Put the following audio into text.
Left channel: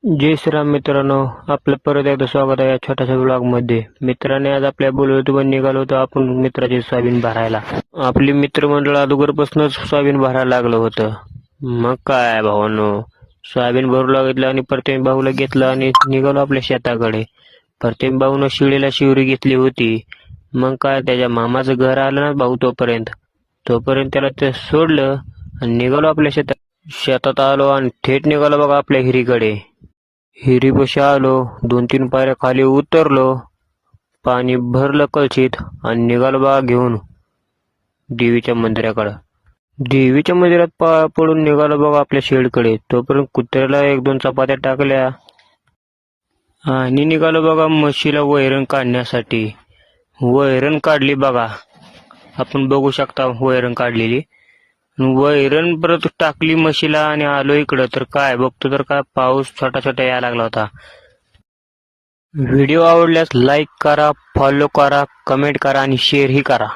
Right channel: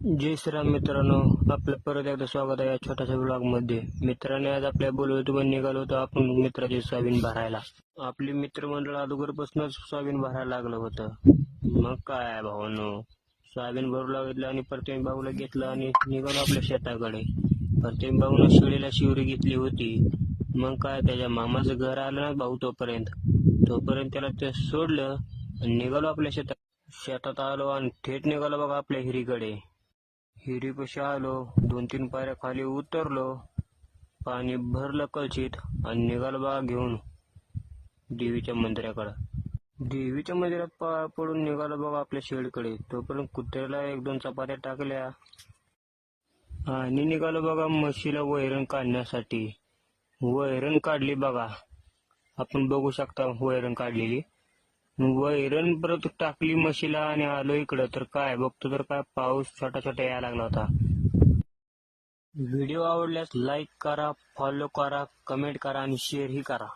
जय श्रीराम मित्रांनो, आपलं परत एकदा स्वागत आहे या छोट्याशा ब्लॉग मध्ये. मित्राने आज आपल्या बोलवतो निघालो होतो आपण मित्राचे सोयाबीन भरायला. आपली मित्रमंडळ अगोदरपासूनच सोयाबीन भरायला लागलं होतं. मग काय भावांनो, सोयाबीन भरू लागलं आणि प्रत्येक भाऊला घेतलं आणि निघालो आपल्या शेताकडे. प्रत्येक भाऊनं शिळीला शिवरी घेतली होती. मग काय त्याच्या मामाचं घर आलं ना भाऊ, तोपर्यंत त्याला ते सोडलं आणि निघालो आपल्या शेतात आलो आणि थेट निघालो बघा आपल्या हिरीकडे. हिरीपाशी आलो, 2-3 पायऱ्या खाली उतरलो, पाणी भरलं कळशीत आणि निघालो बघा घेऊन देवीच्या मंदिराकडं. देवीच्या मंदिरात पाया पडून निघालो बघा आपल्या शेडकडे. तोपर्यंत कुत्र्याला 1-2 चपात्या टाकल्या आणि निघालो बघा म्हशीला वैरण काढण्यासाठी. वैरण काढली बघा, आपण बघू शकता वैरण काढलेली. वैरण परत टाकली म्हशीला आणि आलो इकडं. तर काय बघतो तर काय पाऊस छोटा छोटा यायला लागला होता. व्हिडिओ आवडल्यास लाईक करा, फॉलो करा, कमेंट करा आणि शेअरही करा.